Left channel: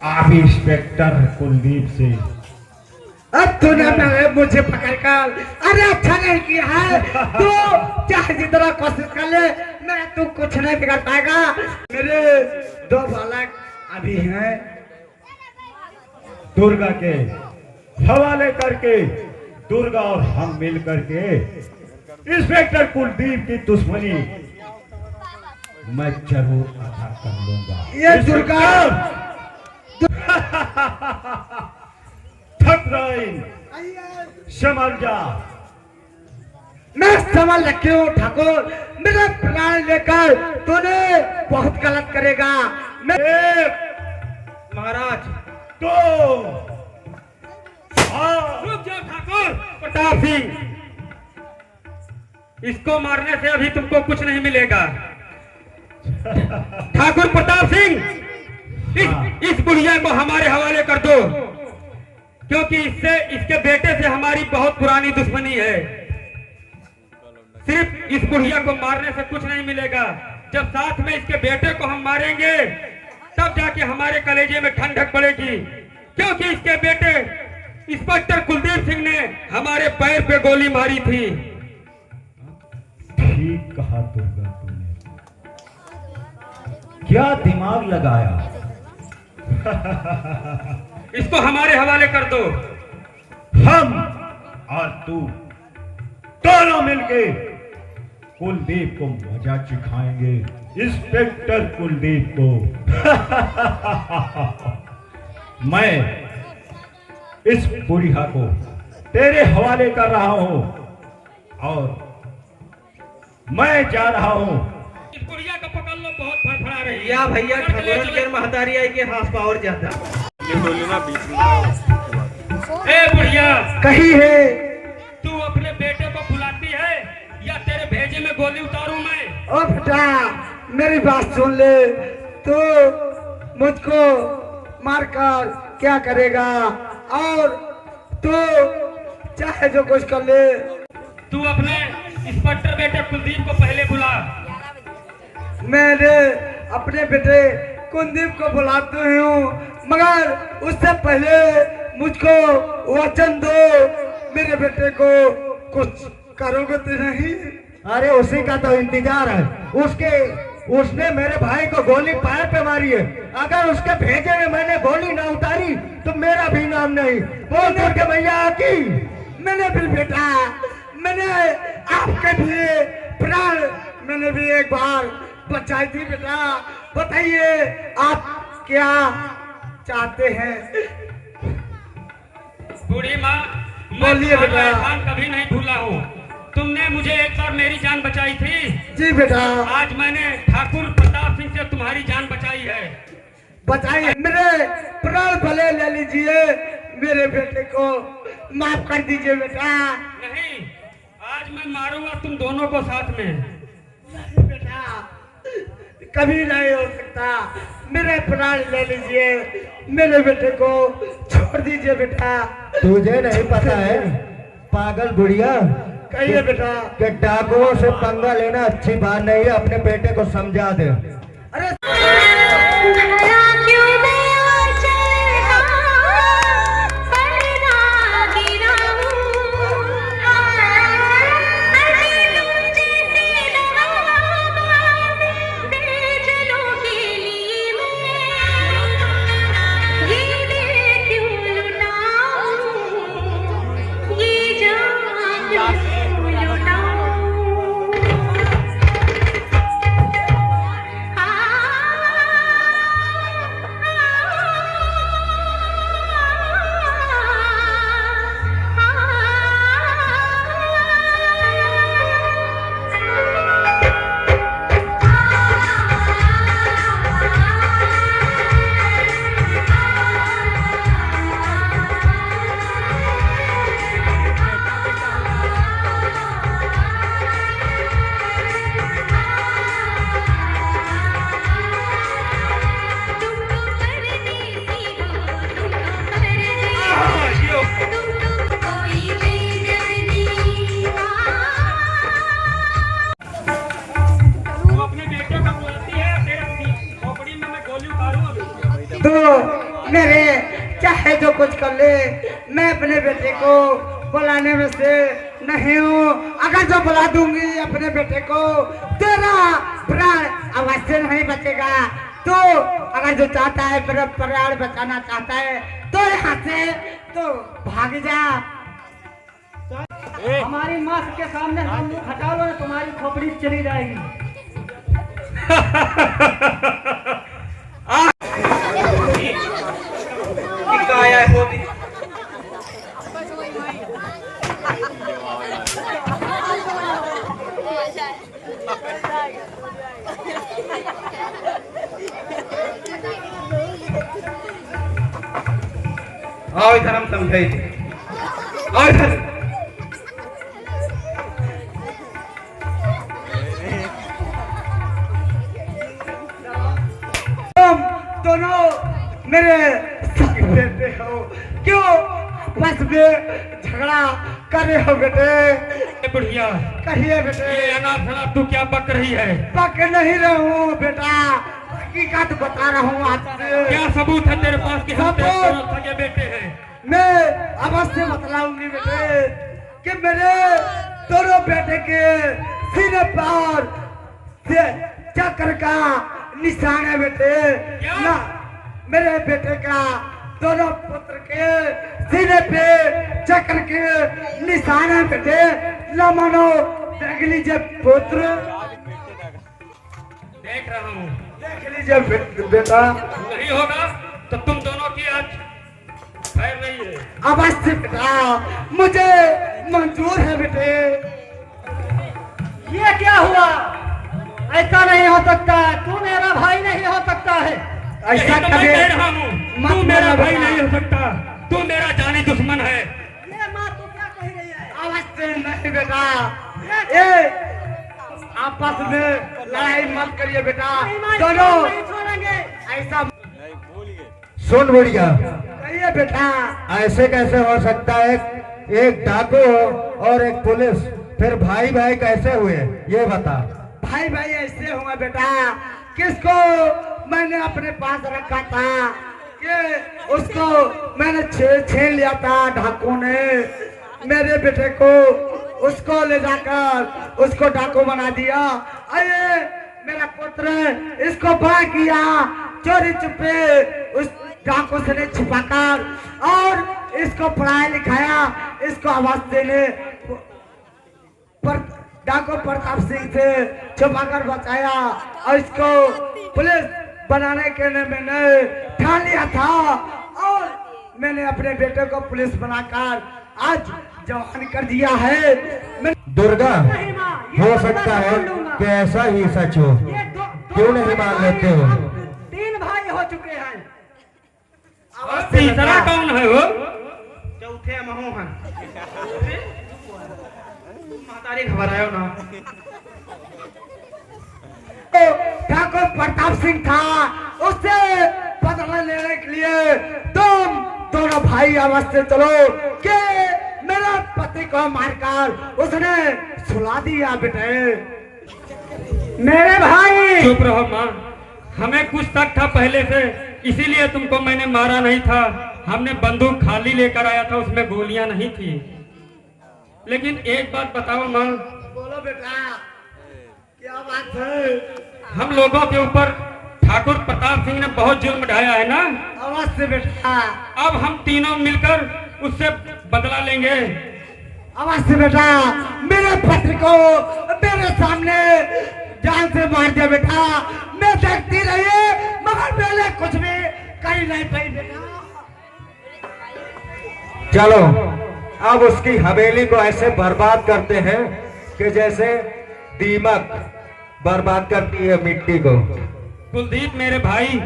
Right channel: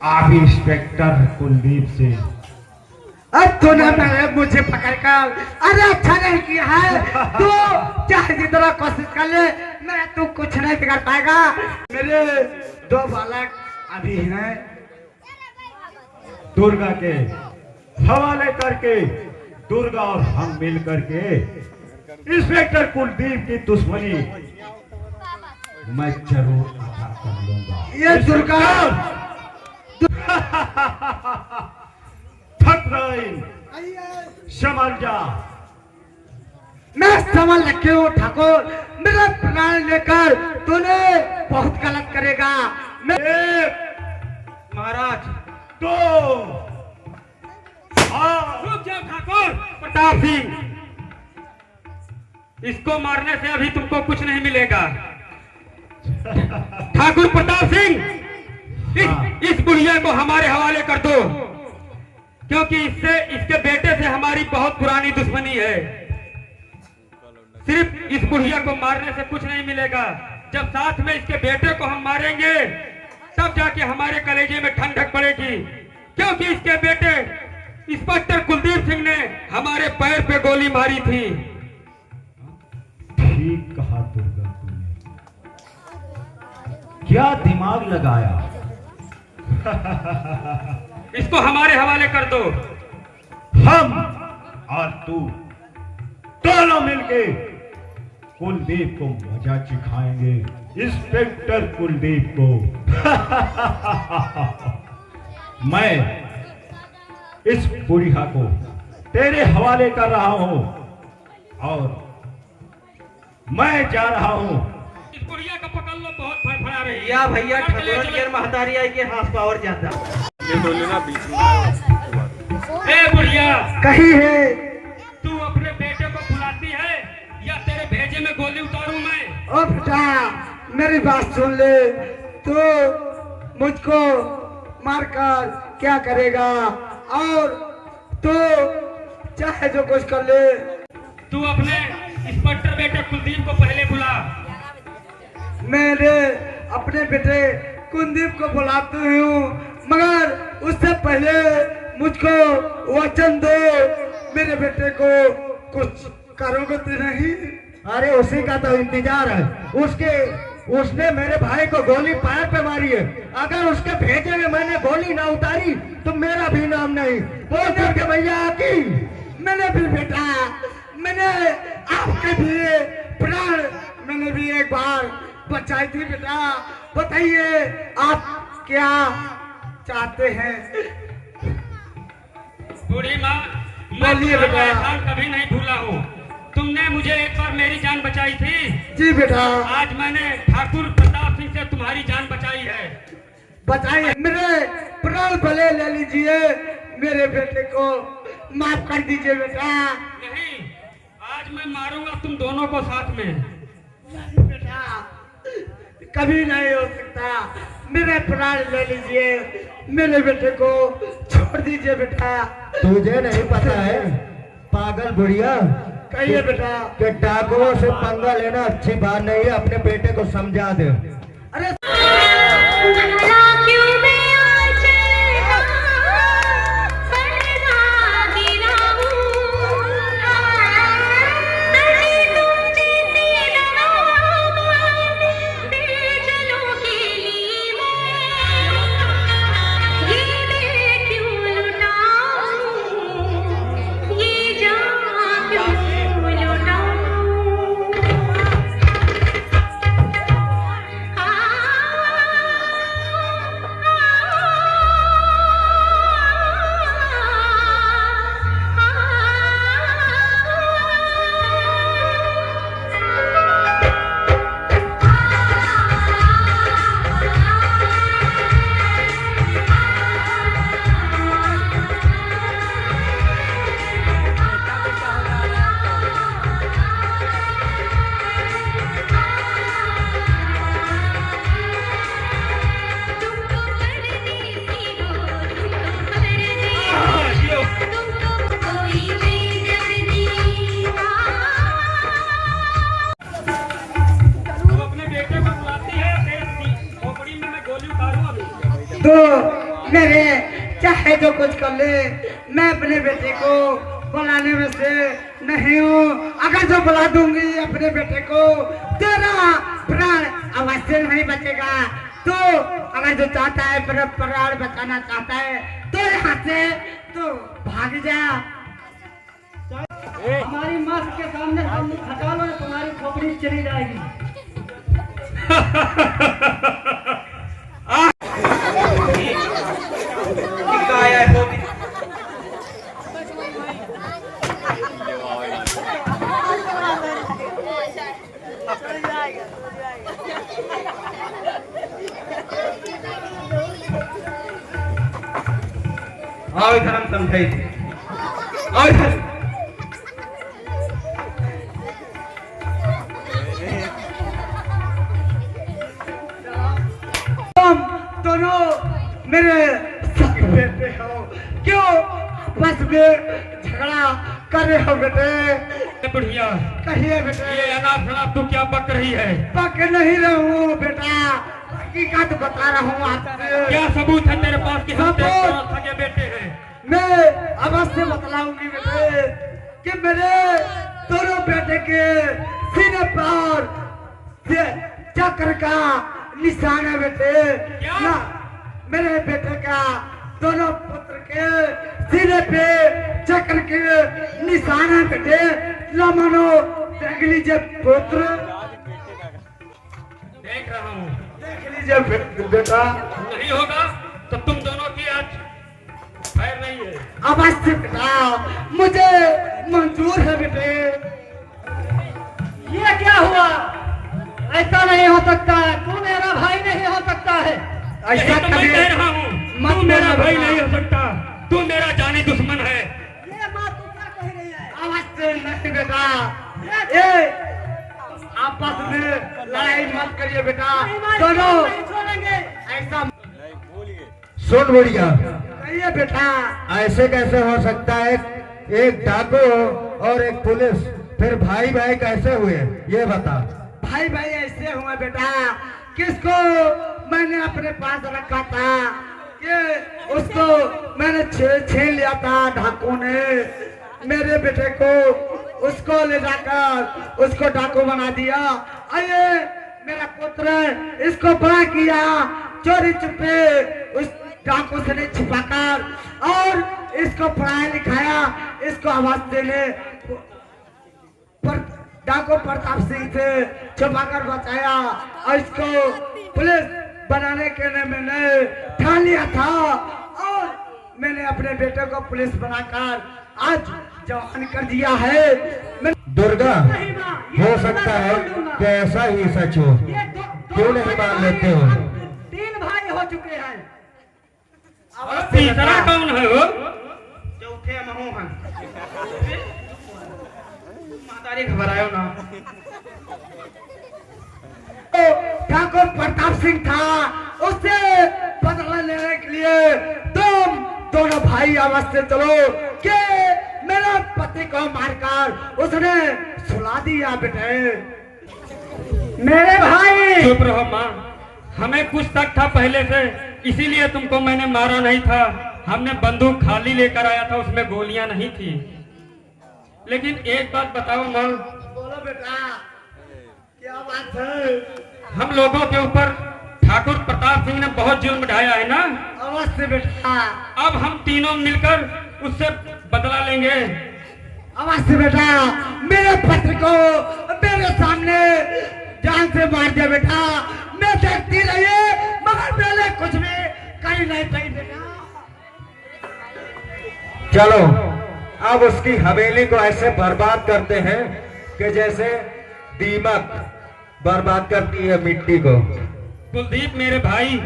आप इंस्पेक्टर कुलदीप सिंह। अब तूने मुझे पकड़कर अरे अच्छा नहीं किया है। तू चाहे जितना कोशिश कर ले, मैं तू कुछ नहीं बिगाड़ पाएगा। मेरे दो बालक अभी हैं, दुर्गा के हवाले करके दुर्गा और हम मिल करके इंस्पेक्टर कुलदीप की दुश्मनी मैं जरूर खत्म कर लूंगा। ये दुर्गा थक गई, संभल जा। मैं संभल रखे हूँ ठाकुर। मेरे प्राण लेकर तूने बहुत गलत करेगा। मैं महाराज तो रुक जाओ ठाकुर प्रताप सिंह, इसको मारने से अभी तुमको कुछ नहीं मिलेगा। ठाकुर प्रताप सिंह, इस बुढ़िया को हमारे हवाले कर दो, क्योंकि इससे इसके बेटे से हमारी बहुत पुरानी दुश्मनी है। सिर्फ इस बुढ़िया को मारने से कुछ नहीं मिलेगा, जब साथ में इसके बेटे को हम मारेंगे तब जाके हमारे कलेजे में ठंडक पड़ेगी। क्योंकि इसके बेटे इंस्पेक्टर कुलदीप सिंह ने हमारे पैर पे गोली मारी थी। ठीक कहा दुर्गा तूने, क्या दिमाग लगाया। इसको हमारे हवाले कर दो। हम और तू दोनों मिलके कुलदीप को मजा सिखाएंगे, इंस्पेक्टर कुलदीप को। मैं इस बुढ़िया को तेरे हवाले कर रहा हूं और मैं जा रहा हूं। इस बुढ़िया को पकड़ लो, बहुत फड़फड़ा रही है। या भैया ठाकुरन के महतारी आई के हाथ पावर ज्यादा ए बुढ़िया, कहीं है तू अपने बेटे को बुलाती है या तेरे भेजे में गोली उतारूं मैं? ओ बेटा, मेरी बात सुन ले। तू मुझको मारकर क्या करेगा, और तू चाहे जो कुछ कर ले। तू अपने इंस्पेक्टर बेटे कुलदीप को पहले बुला। मैंने अपने बेटे कुलदीप को बुलाते हूँ, मगर उससे पहले मुझको वचन दो, मेरे बेटे को कुछ करोगे तो नहीं? अरे उसी का तो इंतजार है। उसने मेरे भाई को गोली पैर पे मारी है। अगर उसके भेजे में मैंने गोली ना उतारी तो मेरा भी नाम नहीं। बोल के भैया की मैंने भी बेटा, मैंने आपके भी प्राण मैंने भी एक बार बचाई थी बेटा। बताइए आप क्या चाहते हैं? बूढ़ी माँ, बोलिए मैं बेटा। तुम्हारा एहसान कभी नहीं भूला हूँ। तुमने मुझे एक बार मेरी जान बचाई थी। जी बेटा, आज मैंने ठाकुर प्रताप सिंह से तुम्हारी जान बचाई है। बताइए। मेरे प्राण भले ले लीजिए, मेरे बेटे को माफ कर दीजिए बेटा। नहीं, आज मैं मारूंगा तुम दोनों को साथ में। नहीं बेटा, कभी नहीं हो सकता। मेरे प्राण ले लीजिए, मेरे बेटे को छोड़ दीजिए बेटा। तुझे नहीं पता है पागल बुढ़िया, कहिए बेटा। कि डाकुओं से पंगा लेना अच्छी बात नहीं है। अपने बेटे को समझा दे। अरे मेरे चाहे जो कुछ कर ले, मैं अपने बेटे को बुलाने में से नहीं हूँ। अगर जो बुला दूंगी अपने बेटे को, तेरा प्राण अवश्य नहीं बचेगा। तो अगर जो चाहता है मेरा प्राण बचाना चाहता है तो यहाँ से तो भाग जा। हमारी माँ के सामने हटा लो, तुम्हारी खोपड़ी चली जाएगी। आया हो आओ इधर हम समझाई आओ इधर। तुम दोनों मेरे साथ बेटे हो, क्यों आपस में झगड़ा कर रहे हो बेटे? बुढ़िया, कहिए बेटे। ये अनाप शनाप तू क्या बक रही है? पक नहीं रहा हूँ बेटा, हकीकत बता रहा हूँ आपसे। क्या सबूत है तेरे पास कि हम तेरे सबूत? दोनों सगे बेटे हैं? मैं अवश्य बतलाऊंगी बेटे कि मेरे दोनों बेटे के सीने पर चक्र का निशान है बेटे। क्या? ना मेरे बेटे का दोनों पुत्र के सीने पे चक्र के निशान है बेटे। ना मानो देख लीजिए पुत्र, देख रहा हूँ। देख लीजिए बेटा। नहीं होगा तो तुम दोनों की आज खैर नहीं है। अवश्य बेटा, मुझे मंजूर है बेटे। ये क्या हुआ? ऐसा नहीं हो सकता है, तू मेरा भाई नहीं हो सकता है। ऐसा यही तो मैं कहे कह रहा हूँ, मत तू मेरा बोलो भाई बेटा। नहीं हो सकता, तू मेरा जानी दुश्मन है। ये माँ तू क्या कह रही है? अवश्य नहीं बेटा। ये आपस में लड़ाई मत करिए बेटा, दोनों नहीं छोड़ेंगे। ऐसा सुन बुढ़िया, करिए बेटा। ऐसे कैसे हो सकता है? एक डाकू और एक पुलिस, फिर भाई भाई कैसे हुए ये बता। भाई भाई ऐसे हुए बेटा, किसको मैंने अपने पास रखा था कि उसको मैंने छीन लिया था डाकू ने। मेरे बेटे को उसको ले जाकर उसको डाकू बना दिया। अरे मेरा पुत्र इसको बड़ा किया, चोरी चुपे उस डाकू से ने छिपाकर, और इसको पढ़ाया लिखाया, इसको आवाज देने पर डाकू प्रताप सिंह से छुपाकर बचाया, और इसको पुलिस बनाने के लिए मैंने ठान लिया था। और मैंने अपने बेटे को पुलिस बनाकर आज जवान कर दिया है। दुर्गा, हो सकता है कि ऐसा ही सच हो, क्यों नहीं मान लेते हो? 3 भाई हो चुके हैं। और तीसरा कौन है वो? चौथे महू हैं। महतारी घबरायो ना। ठाकुर प्रताप सिंह था, उससे बदला लेने के लिए तुम दोनों भाई अवश्य चलो कि मेरा पति को मारकर उसने सुला दिया बेटे। मेरे भाई चुप रहो माँ, हमें कुछ तक था पहले से, इसीलिए तुमको मैंने मारा नहीं था। हमने बंदूक खाली लेकर आया था, उसमें गोलियां नहीं थी। लेकिन एक बात बताओ माँ, बोलो बेटा, क्या बात है? हम लोगों के ऊपर ठाकुर प्रताप सिंह ने बहुत जुर्म ढाया है ना। अवश्य बेटा, अब हम तीनों मिलकर उससे बदला लेंगे। अवश्य बेटा। मेरे पत्र को मेरे सामने जान से मार दिया बेटा। मैं देखती रही, मगर मैंने कुछ भी कहीं नहीं पाई बेटा। चलो अब उसकी हवेली को ऐसे बर्बाद करते हैं कि जैसे दीमक बर्बाद करती है मिट्टी को। कुलदीप मेरे भाई,